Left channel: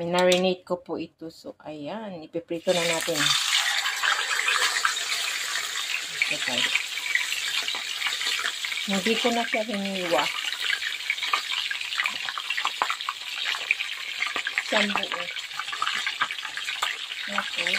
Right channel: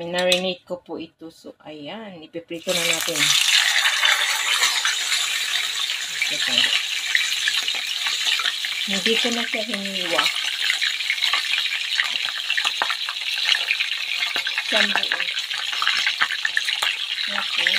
Minarinate ko po ito. So, ayan. Ipiprito na natin. Okay. Hindi ko na siya hiniwa. Siyang buo. Okay.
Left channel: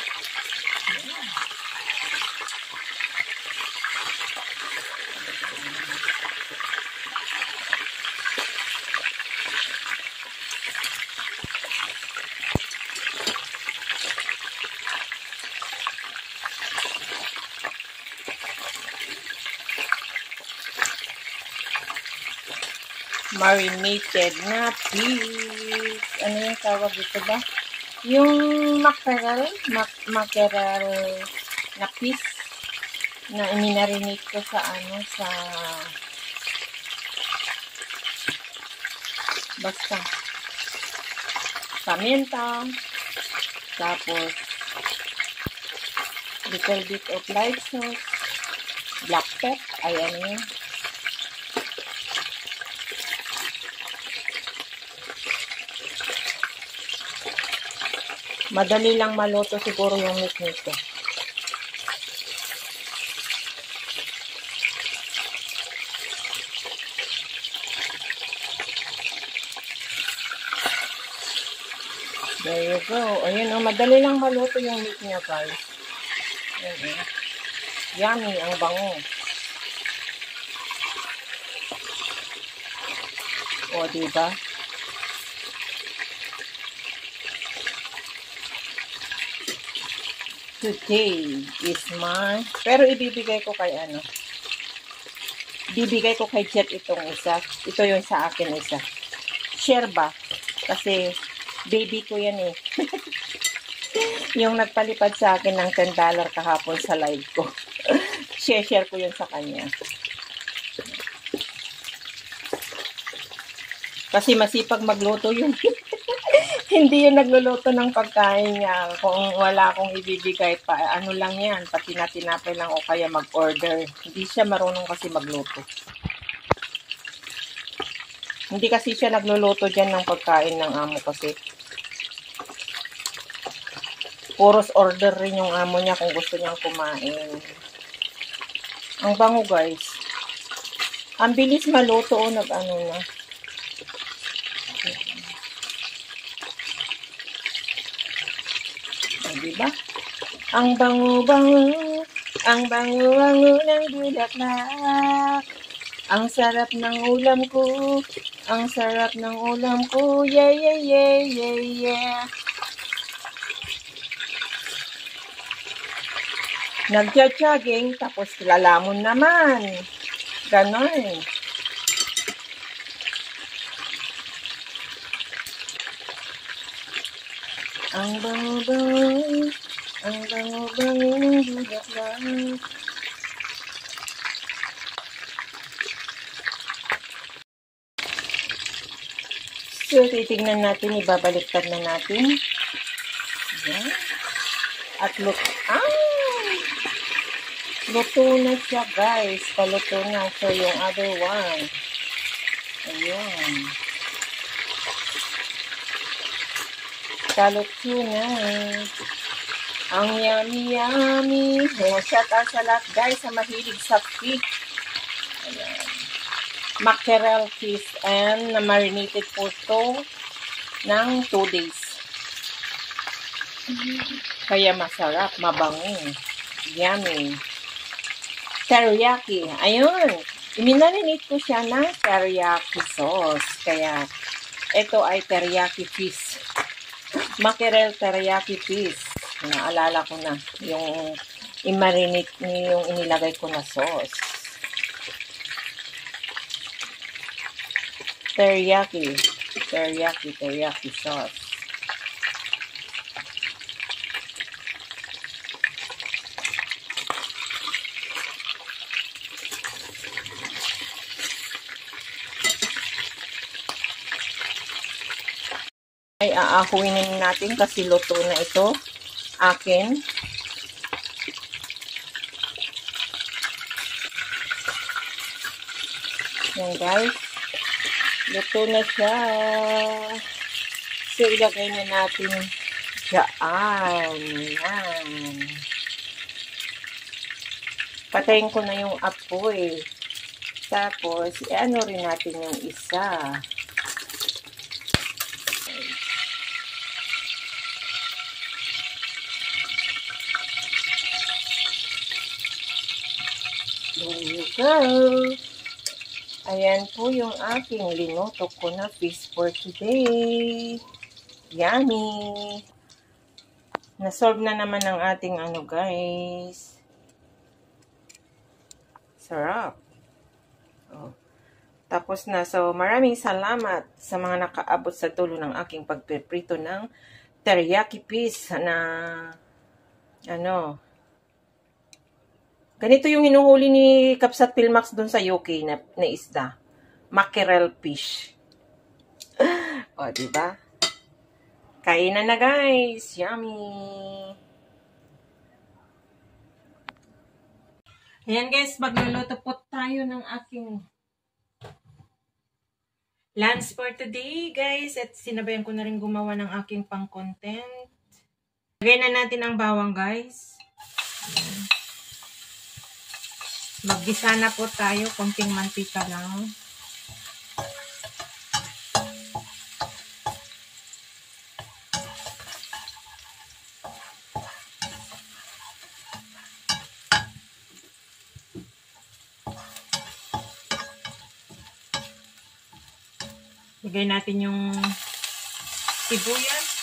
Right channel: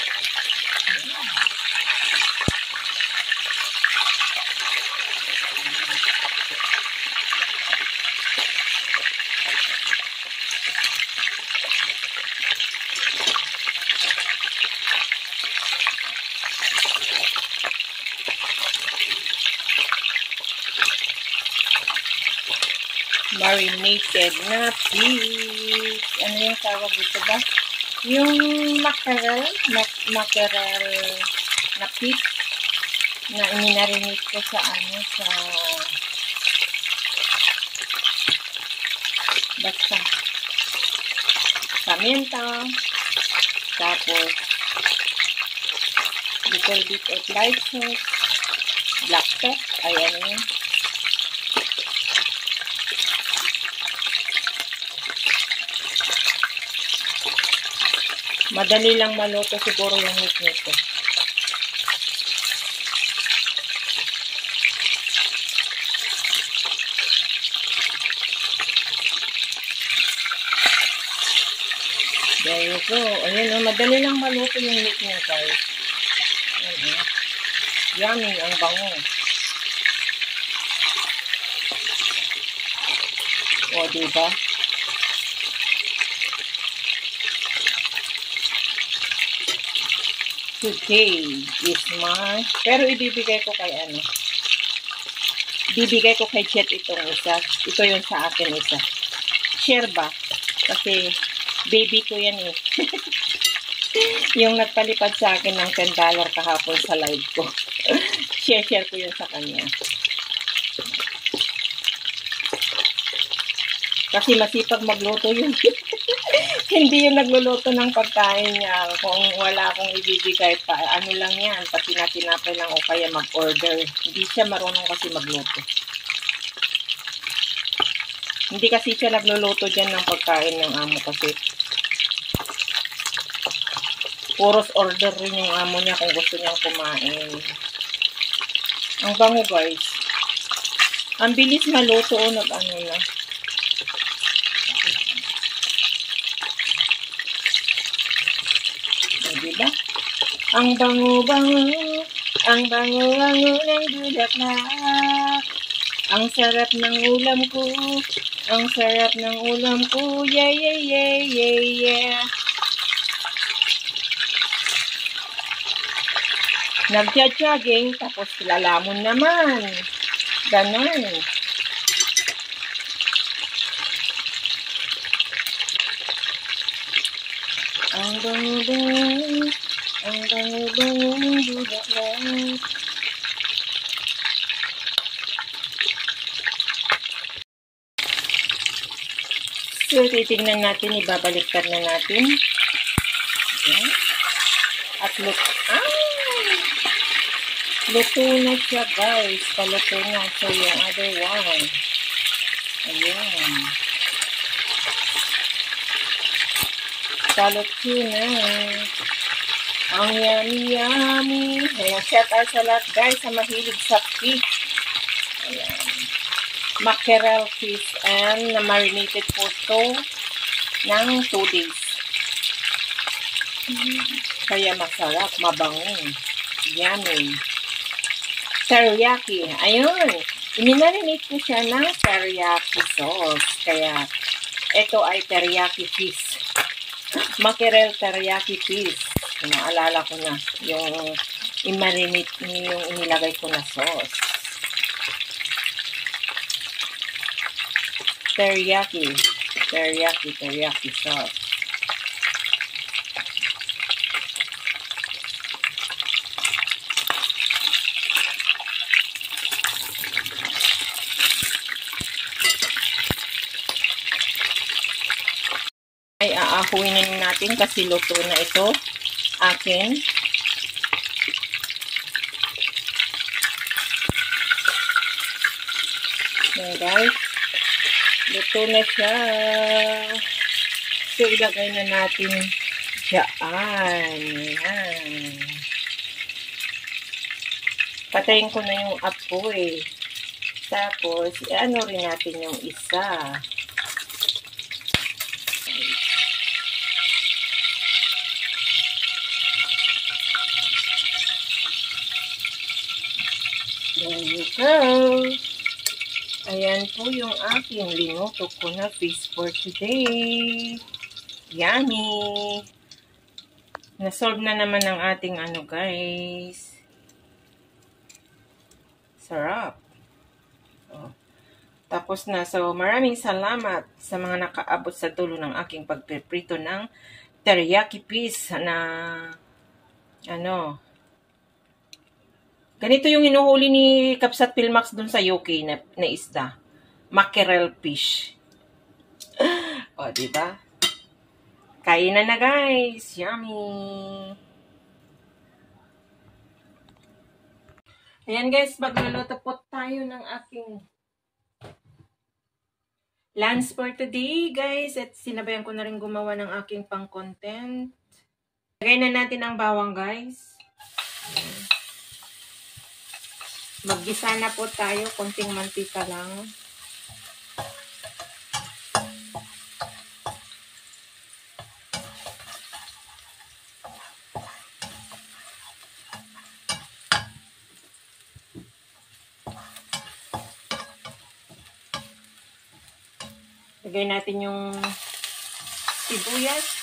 Marinated na fish. Ano yung tawag dito ba? Yung mackerel na fish na iminarinate ko sa basta paminta, tapos little bit of light sauce, black pepper, ayan yun. Madali lang maluto siguro yung meat nito. There you go. Ayan o, madali lang maluto yung meat niya, guys. Ayan o. Yummy, ang bango. O, diba? Today is my... Pero ibibigay ko kay Bibigay ko kay Jet itong isa. Ito yung sa akin isa. Share ba? Kasi baby ko yan eh. Yung nagpalipad sa akin ng $10 kahapon sa live ko. Share ko yun sa kanya. Kasi masipag magluto yun. Hindi yung nagluluto ng pagkain niya. Kung wala akong ibibigay pa, ano lang yan, pati tinapay lang o kaya mag-order. Hindi siya marunong kasi magluto. Hindi kasi siya nagluluto dyan ng pagkain ng amo kasi puros order rin yung amo niya kung gusto niyang kumain. Ang bango, guys. Ang bilis maluto o nag-ano na. Diba? Ang bango-bango, ang bango-bango ng bulaklak. Ang sarap ng ulam ko, ang sarap ng ulam ko, yeah, yeah, yeah, yeah, yeah. Nagja-jogging, tapos lalamon naman. Ganon. Ang bango-bango, ang bango-bango ng bulaklak. So, titignan natin, ibabaliktad na natin. Ayan. At luto na siya, guys. Paluto na. So, yung other one. Ayan. Paluto na. Ang yummy. Ayan, shout out sa lahat, guys, sa mahilig sa fish. Ayan. Mackerel fish and marinated po ito ng 2 days. Kaya masarap, mabango. Yummy. Teriyaki. Ayun. Iminarinate ko siya ng teriyaki sauce. Kaya, ito ay teriyaki fish. Mackerel teriyaki fish. Naalala ko na yung i-marinate niyo yung inilagay ko na sauce. Teriyaki sauce. Ay aahuinin natin kasi luto na ito. Akin. Yan, guys. Luto na siya. So, ilagay na natin dyan. Yan. Patayin ko na yung apoy. Tapos, ano rin natin yung isa. There you go. Ayan po yung aking linuto ko na fish for today. Yummy! Nasolve na naman ang ating ano guys. Sarap. Oh. Tapos na. So, maraming salamat sa mga nakaabot sa dulo ng aking pagpiprito ng teriyaki fish na ano. Ganito yung hinuhuli ni Kapsat Pilmax dun sa UK na isda. Mackerel fish. O, diba? Kain na guys. Yummy! Ayan guys, magluluto po tayo ng aking lunch for today guys. At sinabayan ko na rin gumawa ng aking pang-content. Lagay na natin ang bawang guys. Ayan. Maggisa na po tayo. Konting mantika lang. Lagay natin yung sibuyas.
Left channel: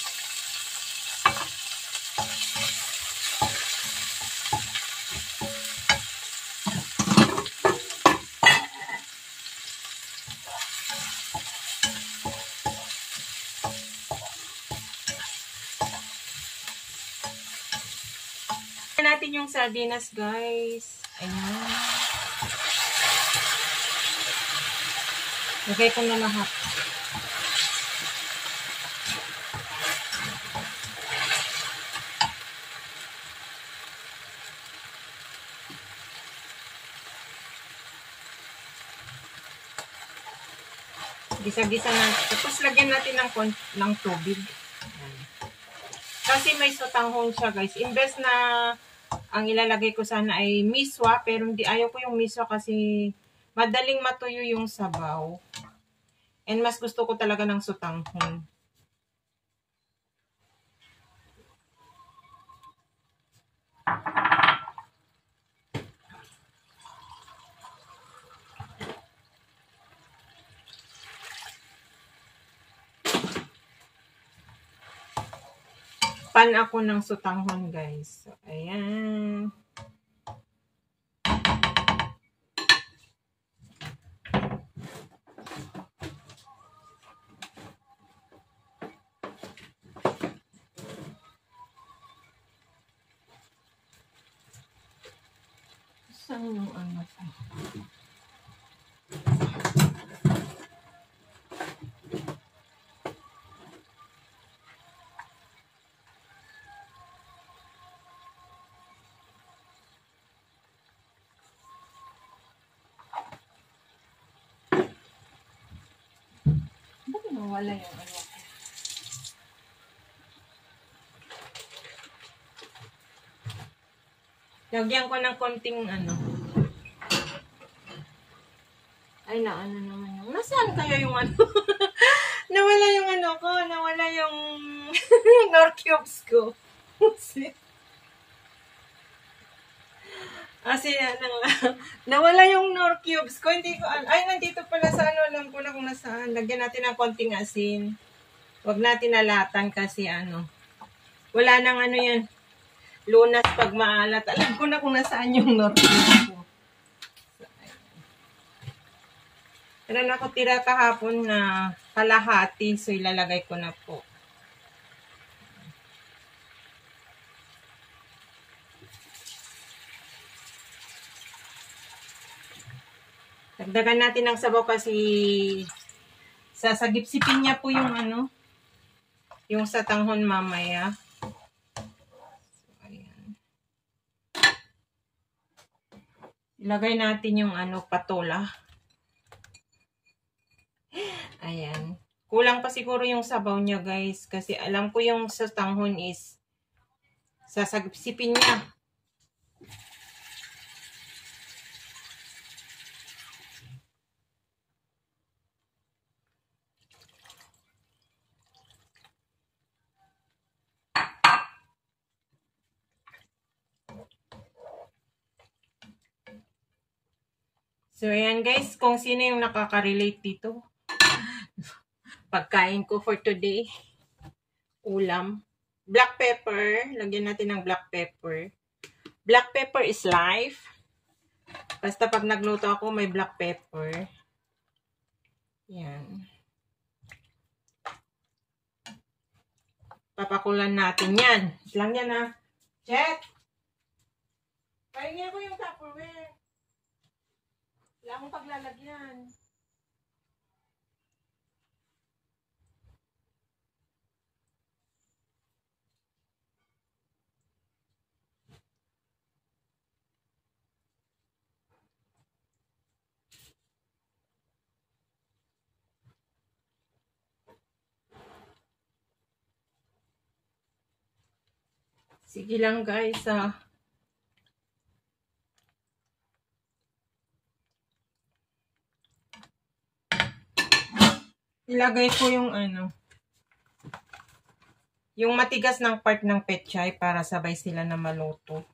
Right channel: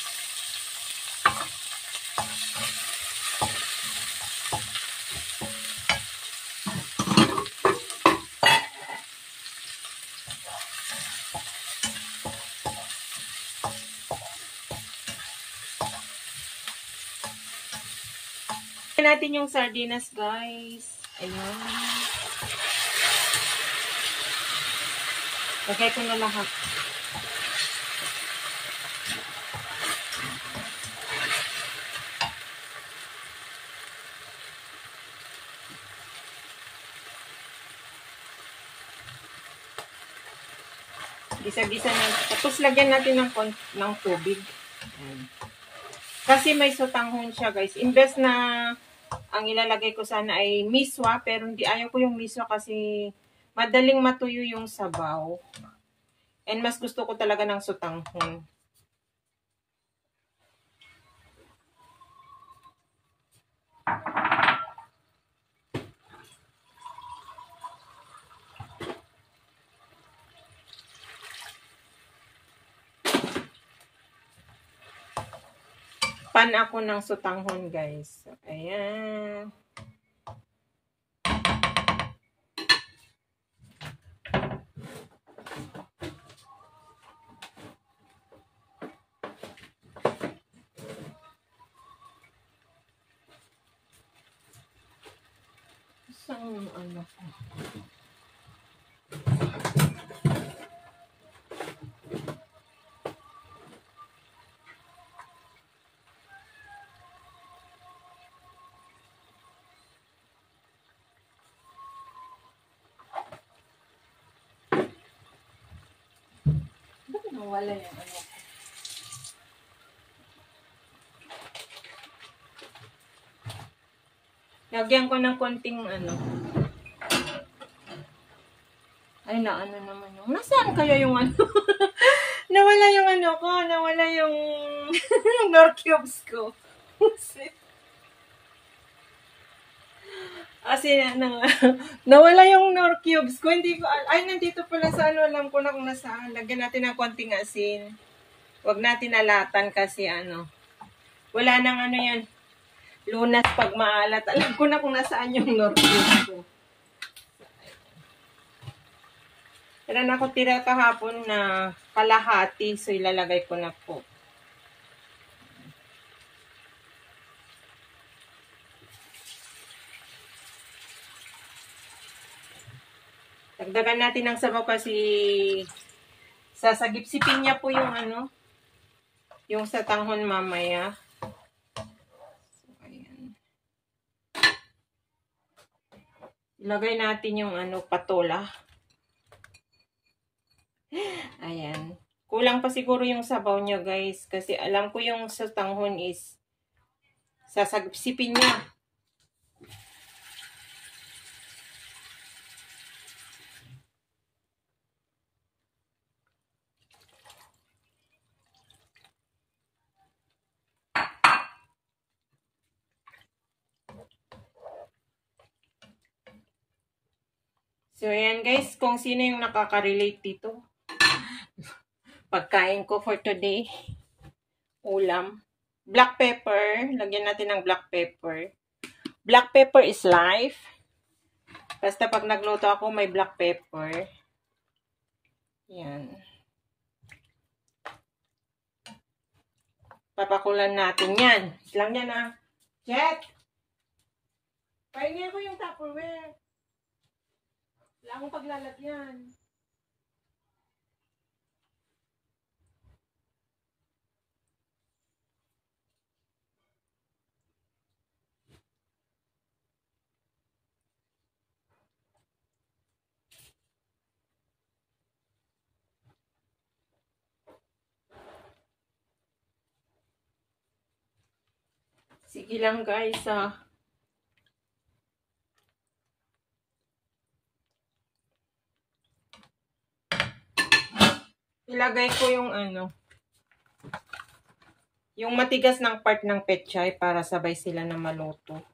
Lagay natin yung sardinas guys. Ayun. Lagay ko na lahat. Gisa-gisa na. Tapos lagyan natin ng tubig. Ayan. Kasi may sotanghon siya guys. Imbes na ang ilalagay ko sana ay miswa. Pero hindi ayaw ko yung miswa kasi madaling matuyo yung sabaw. And mas gusto ko talaga ng sotanghon. Pan ako ng sotanghon guys. So, ayan. Saan ano ko? Bakit nawala yung ano ko? Lagyan ko ng konting ano. Ay, na ano naman yung... Nasaan kaya yung ano? Nawala yung ano ko. Nawala yung Nor cubes ko. Kasi nawala yung Nor cubes ko. Hindi ko... Ay, nandito pala sa ano. Alam ko na kung nasaan. Lagyan natin ng konting asin. Huwag natin alatan kasi ano. Wala nang ano yan. Lunas pag maalat. Alam ko na kung nasaan yung Nor cubes ko. Meron ako tira kahapon na kalahati. So, ilalagay ko na po. Dagdagan natin ng sabaw kasi sasagip-sipin niya po yung ano, yung sotanghon mamaya. So, ayan. Ilagay natin yung ano, patola. Ayan. Kulang pa siguro yung sabaw niya, guys. Kasi alam ko yung sa tanghon is sasagpsipin niya. So, ayan guys, kung sino yung nakaka-relate dito. Pagkain ko for today. Ulam. Black pepper. Lagyan natin ng black pepper. Black pepper is life. Basta pag nagluto ako, may black pepper. Yan. Papakulan natin yan. Lang yan ah. Jet! Pahingi ko yung Tupperware. Wala akong paglalagyan. Sige lang guys ah. Ilagay ko yung yung matigas ng part ng pechay para sabay sila na maluto.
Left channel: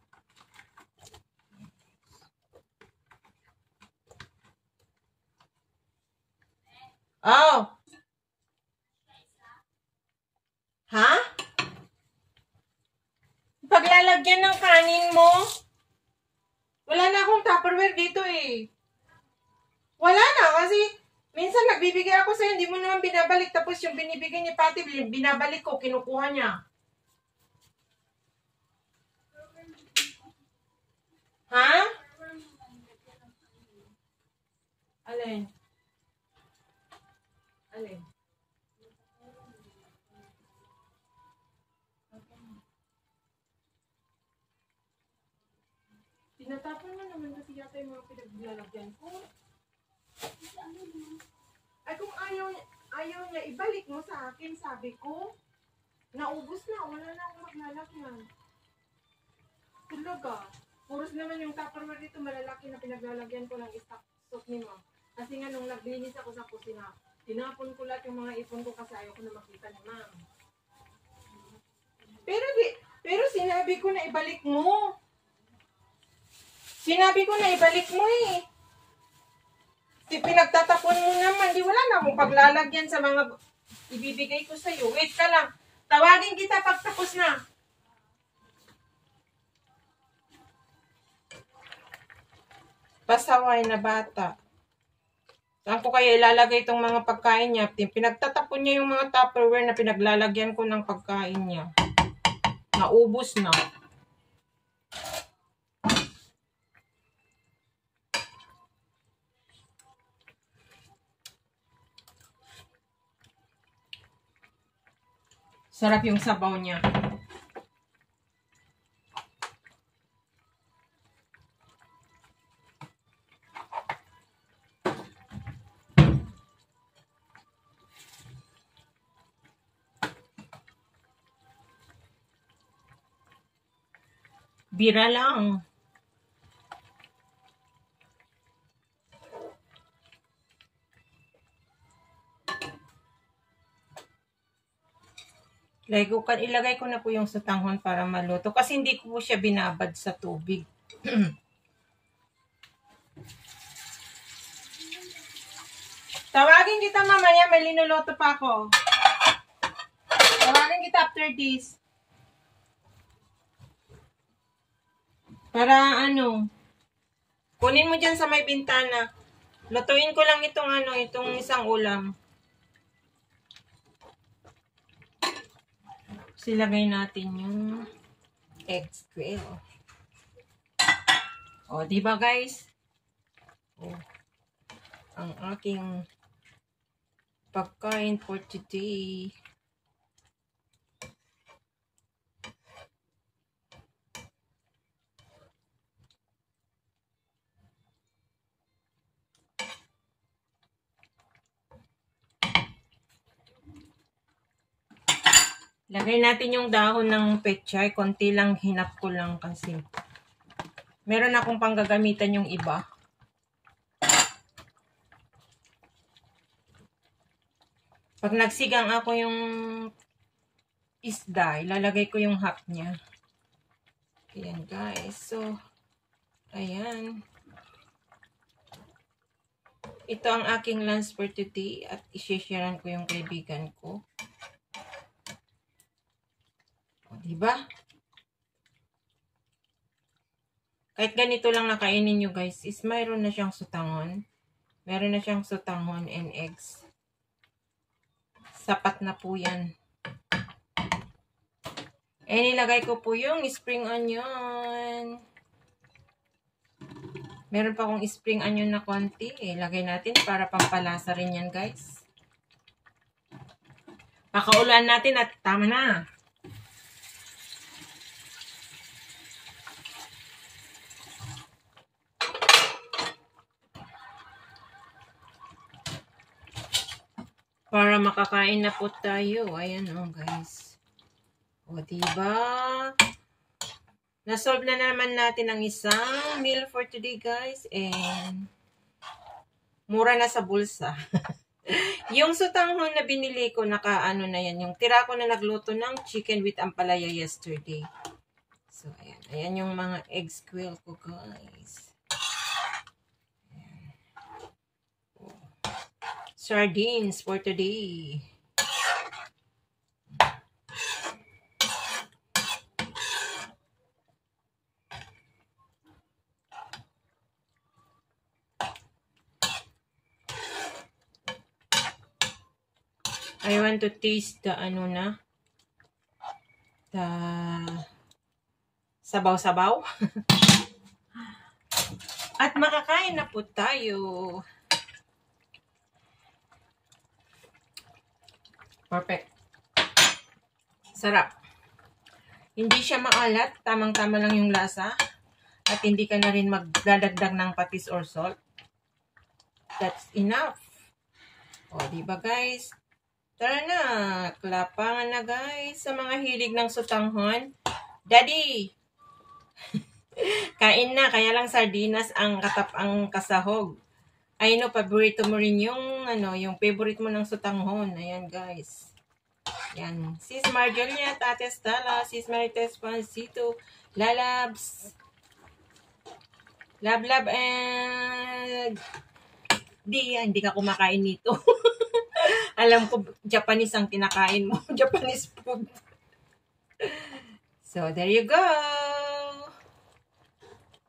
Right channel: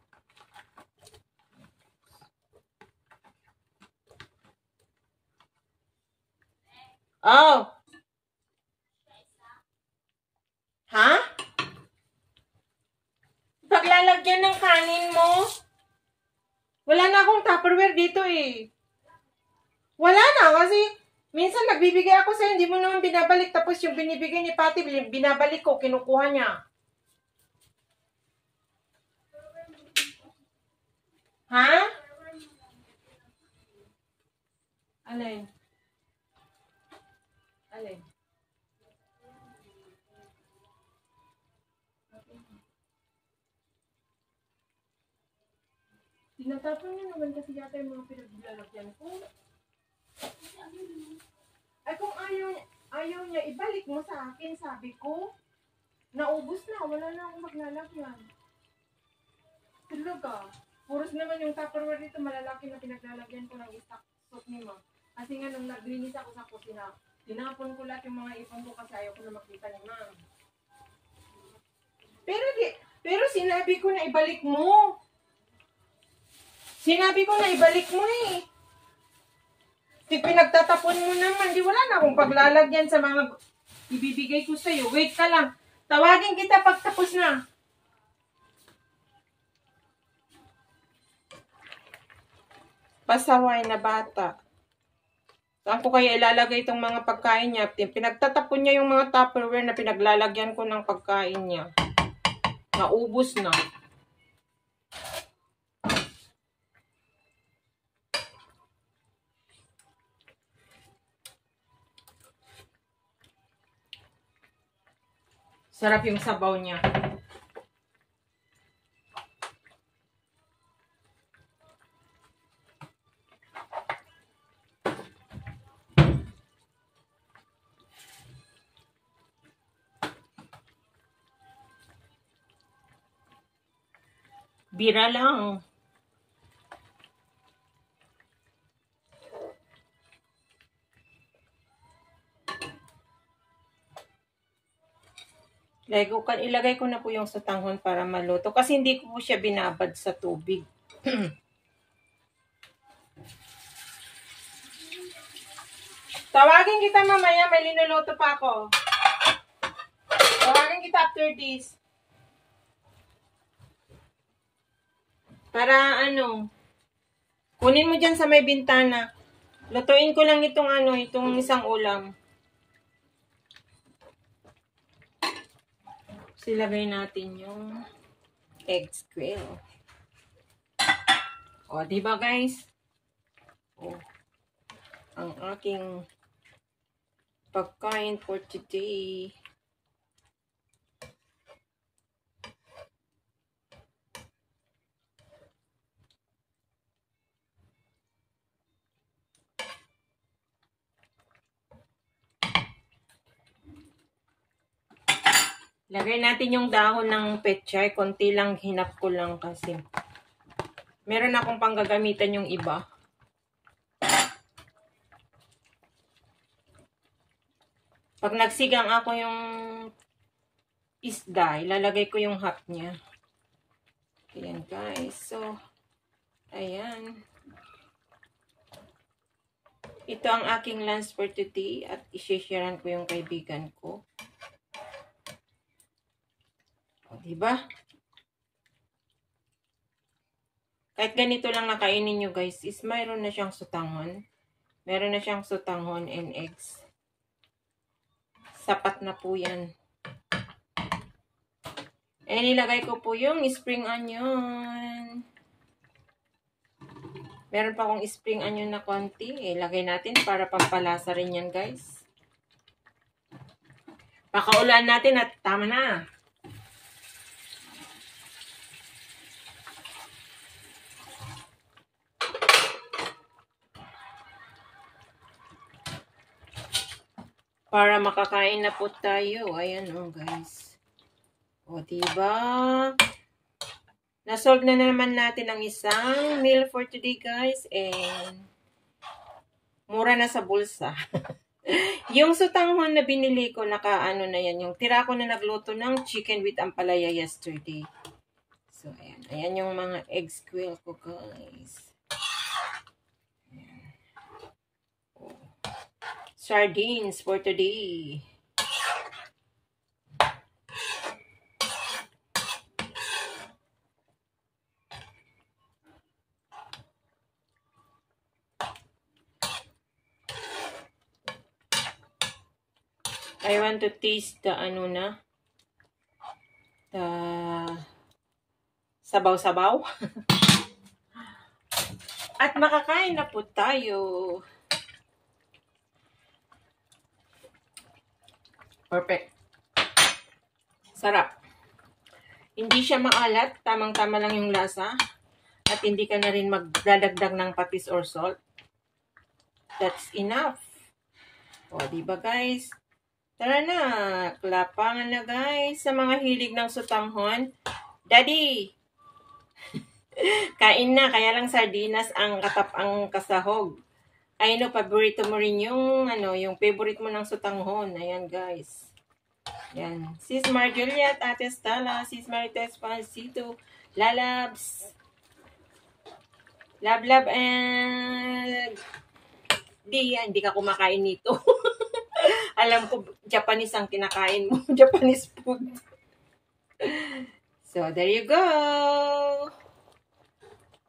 Oh! Ha? Paglalagyan ng kanin mo? Wala na akong Tupperware dito eh. Wala na kasi minsan nagbibigay ako sa'yo, hindi mo naman binabalik. Tapos yung binibigay ni Pati, binabalik ko, kinukuha niya. Ha? Alin? Alin? Tinatapon na naman kasi yata yung mga pinaglalagyan ko. Ay kung ayaw niya, ibalik mo sa akin, sabi ko. Naubos na, wala na akong maglalagyan. Talaga. Puros naman yung Tupperware dito, malalaki na pinaglalagyan ko ng stock soup ni Ma. Kasi nga nung naglinis ako sa kusina, tinapon ko lahat yung mga ipon ko kasi ayaw ko na makita ni Ma. Pero sinabi ko na ibalik mo. Sinabi ko na ibalik mo eh. Di pinagtatapon mo naman, di wala na akong paglalagyan sa mga ibibigay ko sa'yo. Wait ka lang. Tawagin kita pag tapos na. Pasaway na bata. Saan ko kaya ilalagay itong mga pagkain niya? Pinagtatapon niya yung mga Tupperware na pinaglalagyan ko ng pagkain niya. Naubos na. Sarap yung sabaw niya. Bira lang. Ilagay ko na po yung sa tanghon para maluto. Kasi hindi ko po siya binabad sa tubig. Tawagin kita mamaya, may linuluto pa ako. Tawagin kita after this. Para kunin mo dyan sa may bintana. Lutuin ko lang itong isang ulam. Silagay natin yung egg square. O, diba guys? O, ang aking pagkain for today. Lagay natin yung dahon ng pechay. Konti lang, hinap ko lang kasi. Meron akong panggagamitan yung iba. Pag nagsigang ako yung isda, ilalagay ko yung half niya. Ayan guys. So, ayan. Ito ang aking lunch for today at i-sharean ko yung kaibigan ko. O, diba? Kahit ganito lang nakainin nyo guys, is mayroon na siyang sutangon. Meron na siyang sutangon and eggs. Sapat na po yan. And nilagay ko po yung spring onion. Meron pa akong spring onion na konti. Ilagay natin para pampalasa rin yan guys. Pakaulan natin at tama na. Para makakain na po tayo. Ayan o guys. O diba? Nasolve na naman natin ang isang meal for today guys. And mura na sa bulsa. Yung sutanghon na binili ko, naka-ano na yan. Yung tira ko na nagluto ng chicken with ampalaya yesterday. So ayan. Ayan yung mga egg squirrel ko guys. Sardines for today. I want to taste the ano na. The sabaw-sabaw. At makakain na po tayo. Perfect. Sarap. Hindi siya maalat. Tamang-tama lang yung lasa. At hindi ka na rin magdadagdag ng patis or salt. That's enough. O, diba guys? Tara na. Klapangan na guys. Sa mga hilig ng sutanghon. Daddy! Kain na. Kaya lang sardinas ang kasahog. I know, paborito mo rin yung, yung favorite mo ng sutanghon. Ayan, guys. Yan. Sis Marjoliet, Ate Stella, Sis Marites Pancito, Lalabs, Lablab, and hindi ka kumakain nito. Alam ko, Japanese ang kinakain mo. Japanese food. So, there you go.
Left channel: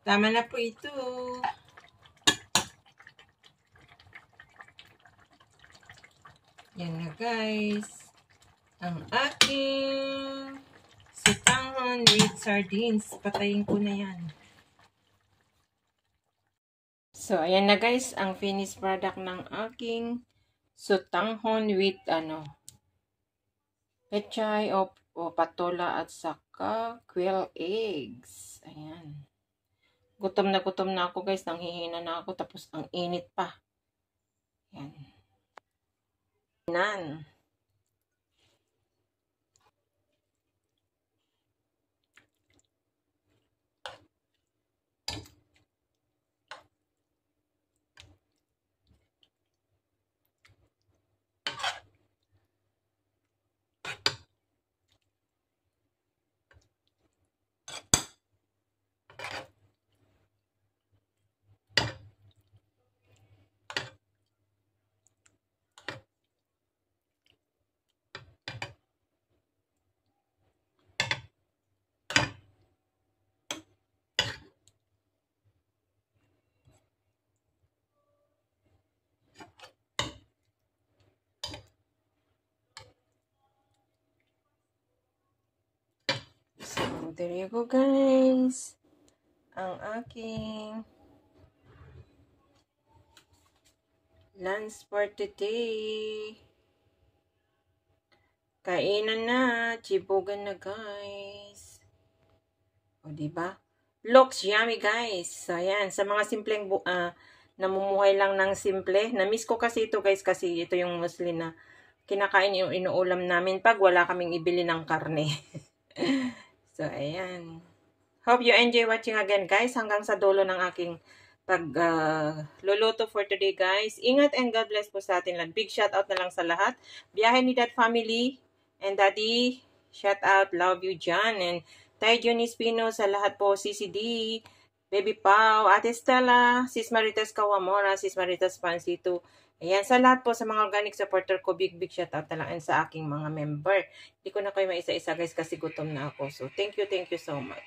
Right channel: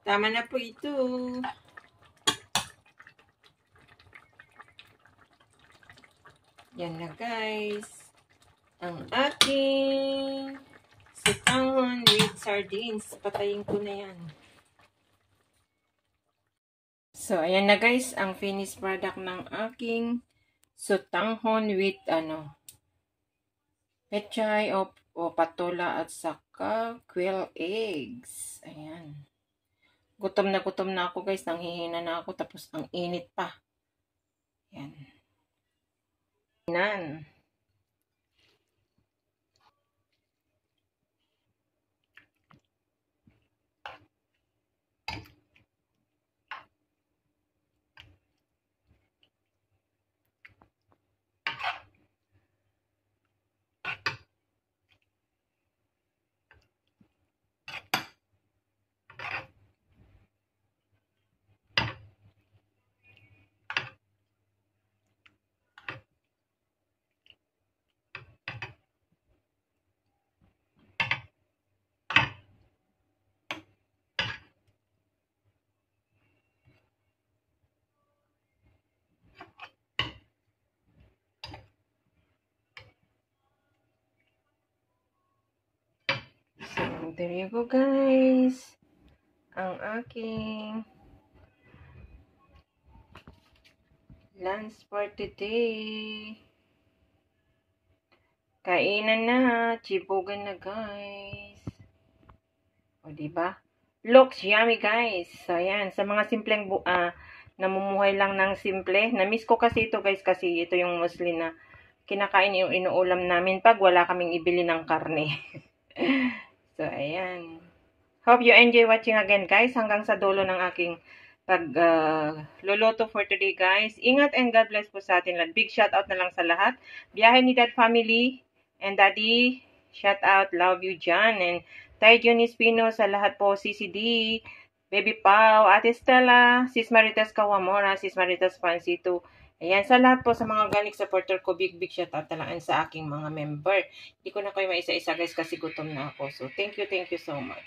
Tama na po ito. Yan na guys. Ang aking sutanghon with sardines. Patayin ko na yan. So, ayan na guys. Ang finished product ng aking sutanghon with pechay o patola at saka quail eggs. Ayan. Gutom na ako guys. Nanghihina na ako. Tapos ang init pa. Ayan. Nan. So, there you go guys. Ang aking lunch for today. Kainan na. Chibugan na guys. O, diba? Looks yummy guys. So, ayan. Sa mga simpleng namumuhay lang ng simple. Na-miss ko kasi ito guys kasi ito yung mostly na kinakain yung inuulam namin pag wala kaming ibili ng karne. So, ayan. Hope you enjoy watching again, guys. Hanggang sa dulo ng aking luluto for today, guys. Ingat and God bless po sa atin lahat. Big shout out na lang sa lahat. Biyahe ni Dad family and Daddy. Shout out. Love you, John. And Tay Junis Pino sa lahat po. CCD. Baby Pau, Ate Stella, Sis Maritas Kawamora, Sis Maritas Pansito. Ayan, sa lahat po sa mga organic supporter ko, big shoutout na lang sa aking mga member. Hindi ko na kayo maisa-isa guys kasi gutom na ako. So, thank you so much.